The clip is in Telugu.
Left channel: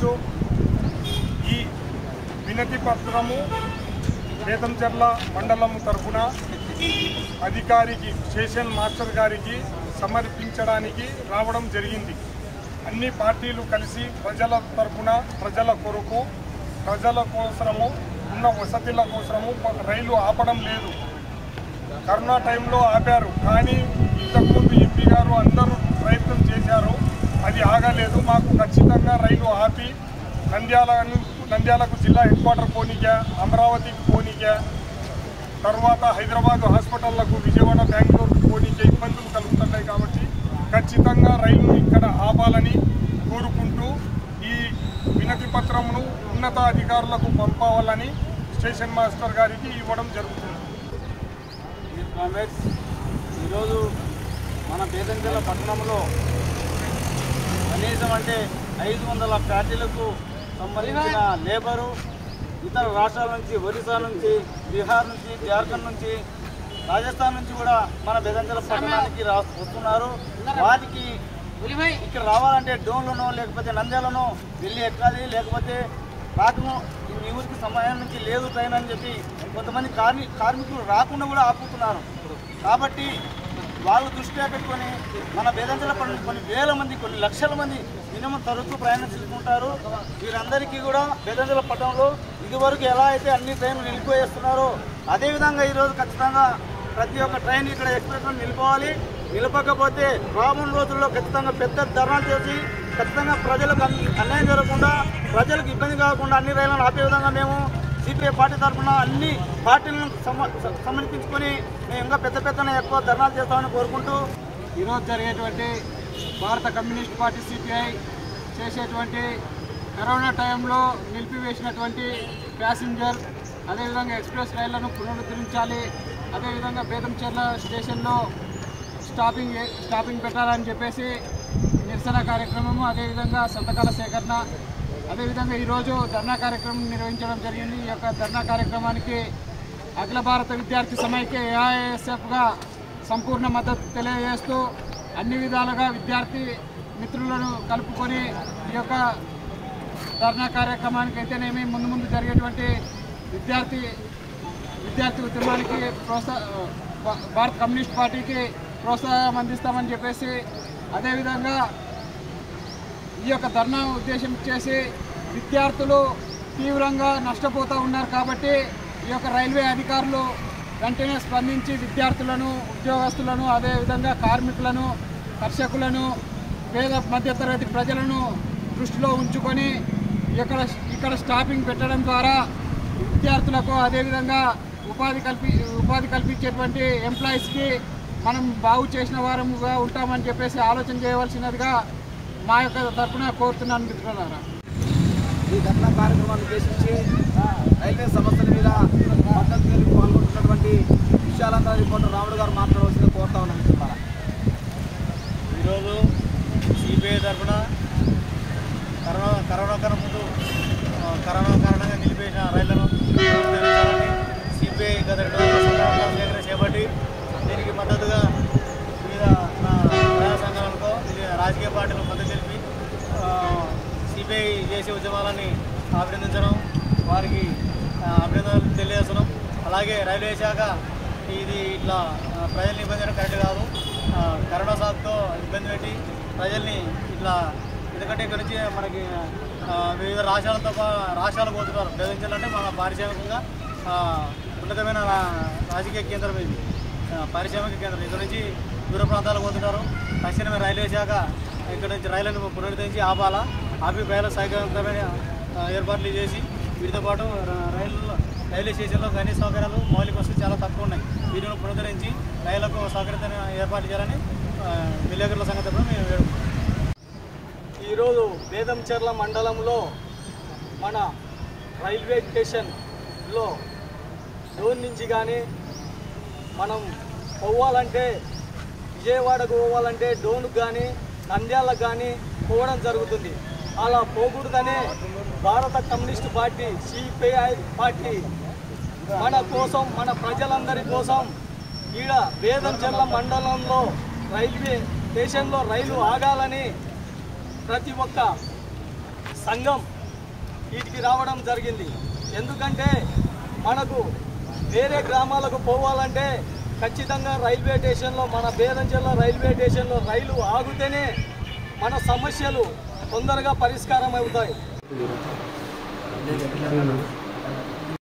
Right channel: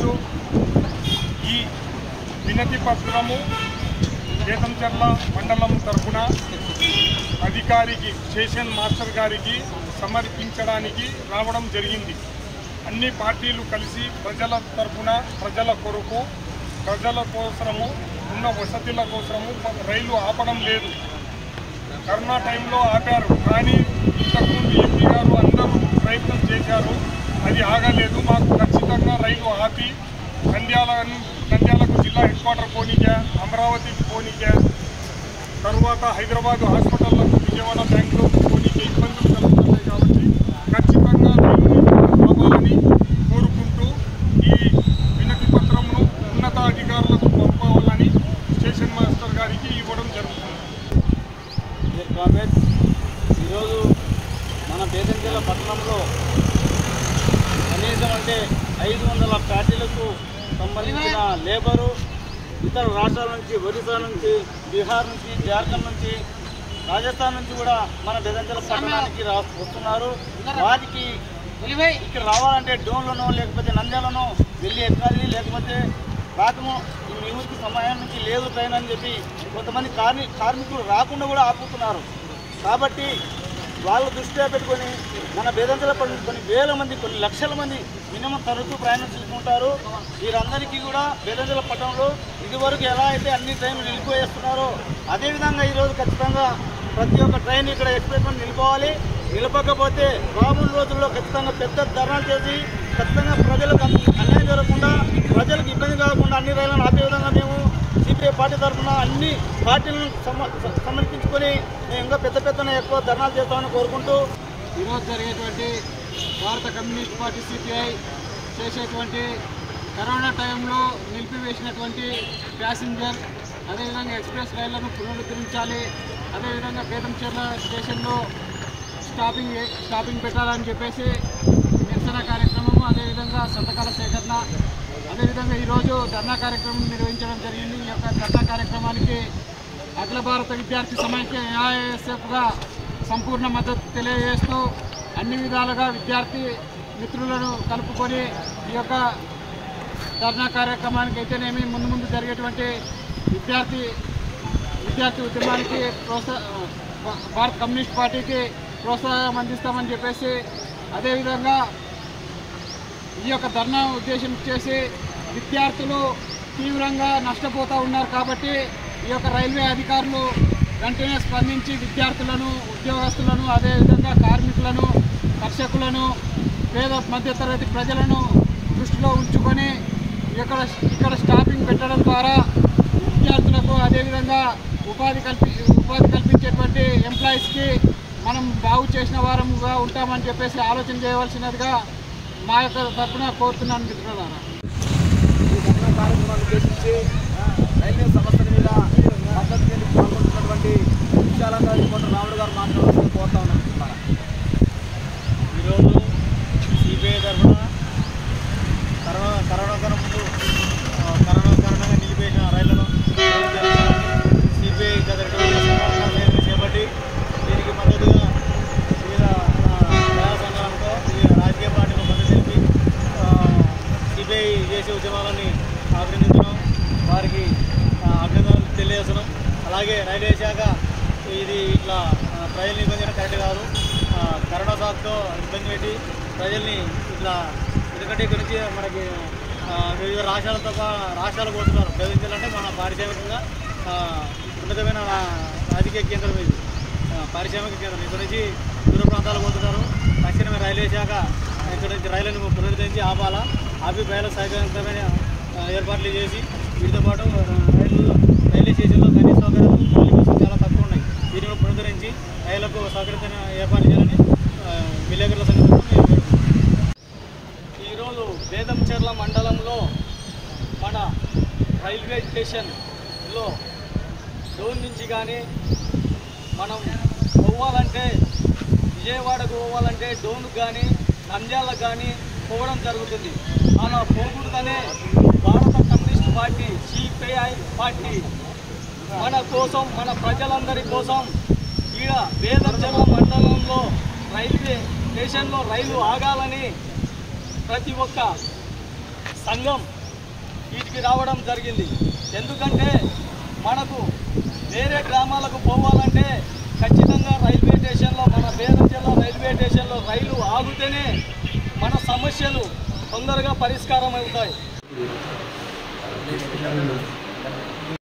ఈరోజు ఈ వినతి పత్రము బేతంచెర్ల మండలం తరపున అధికారికి స్టేషన్ మాస్టర్ గారికి సమర్పించడానికి రావడం జరిగింది. అన్ని పార్టీలు కలిసి ప్రజల తరపున ప్రజల కొరకు ప్రజల కోసము ఉన్న వసతుల కోసము రైలు ఆపడం లేదు. కరోనా టైంలో ఆపారు, కానీ ఇంతకుముందు ఎంపీ గారు అందరూ ప్రయత్నం చేశారు, అది ఆగలేదు. మాకు ఖచ్చితంగా రైలు ఆపి నంద్యాలకు జిల్లా హెడ్ క్వార్టర్ పోనీకే, అమరావతికి పోనీకే, తర్వాత హైదరాబాద్ హాస్పిటళ్లకు, విజయవాడ బ్యాంకులో పోనీకే ఇబ్బందులు కలుగుతున్నాయి. కాబట్టి ఖచ్చితంగా రైలు ఇక్కడ ఆపాలని కోరుకుంటూ ఈ వినతి పత్రమును ఉన్నతాధికారులకు పంపాలని స్టేషన్ మాస్టర్ గారికి ఇవ్వడం జరుగుతుంది. ఈరోజు మన బేతంచెర్ల పట్టణంలో కనీసం అంటే 500 ఫ్యాక్టరీలకు సంబంధించిన లేబరు ఇతర రాష్ట్రాల నుంచి, ఒరిస్సా నుంచి, బీహార్ నుంచి, జార్ఖండ్ నుంచి, రాజస్థాన్ నుంచి కూడా మన బేతంచెర్ల పట్టణానికి వస్తున్నారు. వారికి ఇక్కడ రావాలంటే డోన్లను లేకపోతే నంద్యాలను వెళ్ళి ఎక్కాలి, లేకపోతే రాకము మీ ఊరికి సమయానికి లేదు ట్రైన్ అని చెప్పి కొంతమంది కార్మికులు రాకుండా కూడా ఆపుతున్నారు. కాబట్టి వాళ్ళు దృష్టిలో పెట్టుకొని మన బేతంచెర్ల కొన్ని వేల మంది, కొన్ని లక్షల మంది మినిమం తరచూ ప్రయాణం చేసుకుంటారు. వీరందరికీ కూడా బేతంచెర్ల పట్టణంలో ఇదివరకు ఎలా అయితే అన్ని ట్రైన్లు నిలిపివేస్తున్నారో అదేవిధంగా ఈరోజు ఖచ్చితంగా ప్రతి ఒక్క ట్రైన్ ఇక్కడ ఎక్స్ప్రెస్ నిలిపోవాలి. నిలపకపోతే రాబోయే రోజుల్లో ఖచ్చితంగా పెద్ద ధర్నాలు చేసి ఖచ్చితంగా ప్రజలకు అన్యాయం జరగకుండా, ప్రజలకు ఇబ్బంది కాకుండా అన్ని రైళ్లను ఆపే విధంగా మేము సిపిఐ పార్టీ తరఫున అన్ని పార్టీలను సమర్పించుకొని మేము ఇంకా పెద్ద ఎక్కువ ధర్నాలు చేస్తామని కోరుకుంటూ ఈరోజు జరిగేటువంటి భారత కమ్యూనిస్ట్ పార్టీ సిపిఐ చేసేటువంటి కరోనా టైంలో నిలిపివేసినటువంటి ప్యాసింజర్ అదేవిధంగా ఎక్స్ప్రెస్ రైళ్లను పునరుద్ధరించాలి, అదేవిధంగా బేతంచెర్ల స్టేషన్లో స్టాపింగ్ పెట్టాలని చెప్పేసి నిరసన కార్యక్రమము, అదేవిధంగా సంతకాల సేకరణ, అదేవిధంగా ఈరోజు ధర్నా కార్యక్రమం నిర్వహించడం జరిగింది. ఈ యొక్క ధర్నా కార్యక్రమానికి అఖిల భారత విద్యార్థి సమైక్య ఏఐఎస్ఎఫ్గా సంపూర్ణ మద్దతు తెలియజేస్తూ అన్ని విధాలుగా విద్యార్థి మిత్రులను కలుపుకొని ఈ యొక్క ధర్నా కార్యక్రమానికి అయితేనేమి ముందు జరిగేటువంటి విద్యార్థి ఉద్యమానికి భారత కమ్యూనిస్ట్ పార్టీకి ప్రోత్సాహం అందిస్తామని చెప్పేసి, అదేవిధంగా ఈ యొక్క ధర్నా ఉద్దేశం చేసి విద్యార్థులు తీవ్రంగా నష్టపోతూ ఉన్నారు. కాబట్టి ఈ యొక్క రైల్వే అధికారులు వెంటనే స్పందించి విద్యార్థులను, ఉద్యోగస్తులను, అదేవిధంగా కార్మికులను, కర్షకులను, పేద మధ్యతరగతి ప్రజలను దృష్టిలో ఉంచుకొని ఇక్కడ స్టాపింగ్ పెట్టడం ద్వారా విద్యార్థులకు అదేవిధంగా ఉపాధి కల్పించేటువంటి ఎంప్లాయీస్కి మనం బాగు చేసిన వారముగా ఉంటామని చెప్పేసి ఆలోచన చేయవలసినదిగా మా యొక్క తరఫున కోరుతున్నాను మిత్రులారా. ఈ ధర్నా కార్యక్రమాన్ని ఉద్దేశించి రైల్వే సమస్యల మీద మద్దతు తెలుగు పాల్గొంటున్నటువంటి విశాలంగా రిపోర్టర్ రాముడు గారు మాట్లాడాల్సింది కోరుతా ఉన్నాం మిత్రులారా. ఈరోజు సిపిఐ తరఫున కరోనా కారణంగా నిలిపేసిన రైళ్లను సిపిఐ గత 2 రోజుల సేకరణ చేపట్టి దీనికి మద్దతుగా వివిధ ప్రజా సంఘాలతో రాజకీయ పార్టీలకు మద్దతు తెలిపి సిపిఐ చేసే ఉద్యమాలని అభినందించడం, వారికి అభినందనలు తెలియజేస్తున్నాం. అలాగే రైల్వే శాఖ ఇది ఇట్లా ప్రజల్ని ఇబ్బంది చేయడం కరెక్ట్ కాదు. కరోనా సాకుతో ఇబ్బంది పెట్టి ప్రజల్ని ఇట్లా, ఎందుకంటే ఇక్కడ నుంచి మనకి వివిధ రాష్ట్రాలు పోతున్నారు. బేతంచెర్ల మన పారిశ్రామికంగా ఉన్నతమైన రాజకీయ కేంద్రం, ఇది పారిశ్రామిక కేంద్రం. ఇక్కడ నుంచి దూర ప్రాంతాలకు పోతున్నారు. తక్షణమే రైల్వే శాఖ ఇక్కడ నుంచి రైళ్లను పునరుద్ధరించి ఆపాలా, ఆపి ప్రజలకు సౌకర్యవంతమైన ఏర్పాట్లు చేసి వీటితో పాటు రైల్వే స్టేషన్లో కనీస సౌకర్యాలు మౌలిక వసతులు చాలా తక్కువ ఉన్నాయి. వీటిని పునరుద్ధరించి రైళ్లకు సౌకర్యమైన ఏర్పాట్లు చేయాలని విలేకరుల సంగతి కూడా మేము వేడుకుంటున్నాం. ఈరోజు బేతంచెర్ల మండలంలో మన రైల్వే స్టేషన్లో డోన్ నుంచి కానీ మనం పోవాలంటే విజయవాడకు పోవాలంటే డోన్కు కానీ నంద్యాలకు కానీ పోవడం జరుగుతుంది. అలా పోకూడదనే భారత కమ్యూనిస్ట్ పార్టీ సిపిఐ పార్టీ మన కోసం, మన ప్రజలందరి కోసం ఈడ బేతంచెర్ల మండలంలో రైల్వే స్టేషన్లో రైలు ఆగాలని ప్రతి ఒక్క సంఘం వీటికి రావడం జరిగింది. ఎందుకంటే మనకు వేరే గ్రామాలకు పోవాలంటే ఖచ్చితంగా రైల్వే స్టేషన్లో, మన బేరంచెర్ల రైల్వే స్టేషన్లో రైలు ఆగితేనే మన సమస్యలు తొందరగా పరిష్కారం అవుతాయి.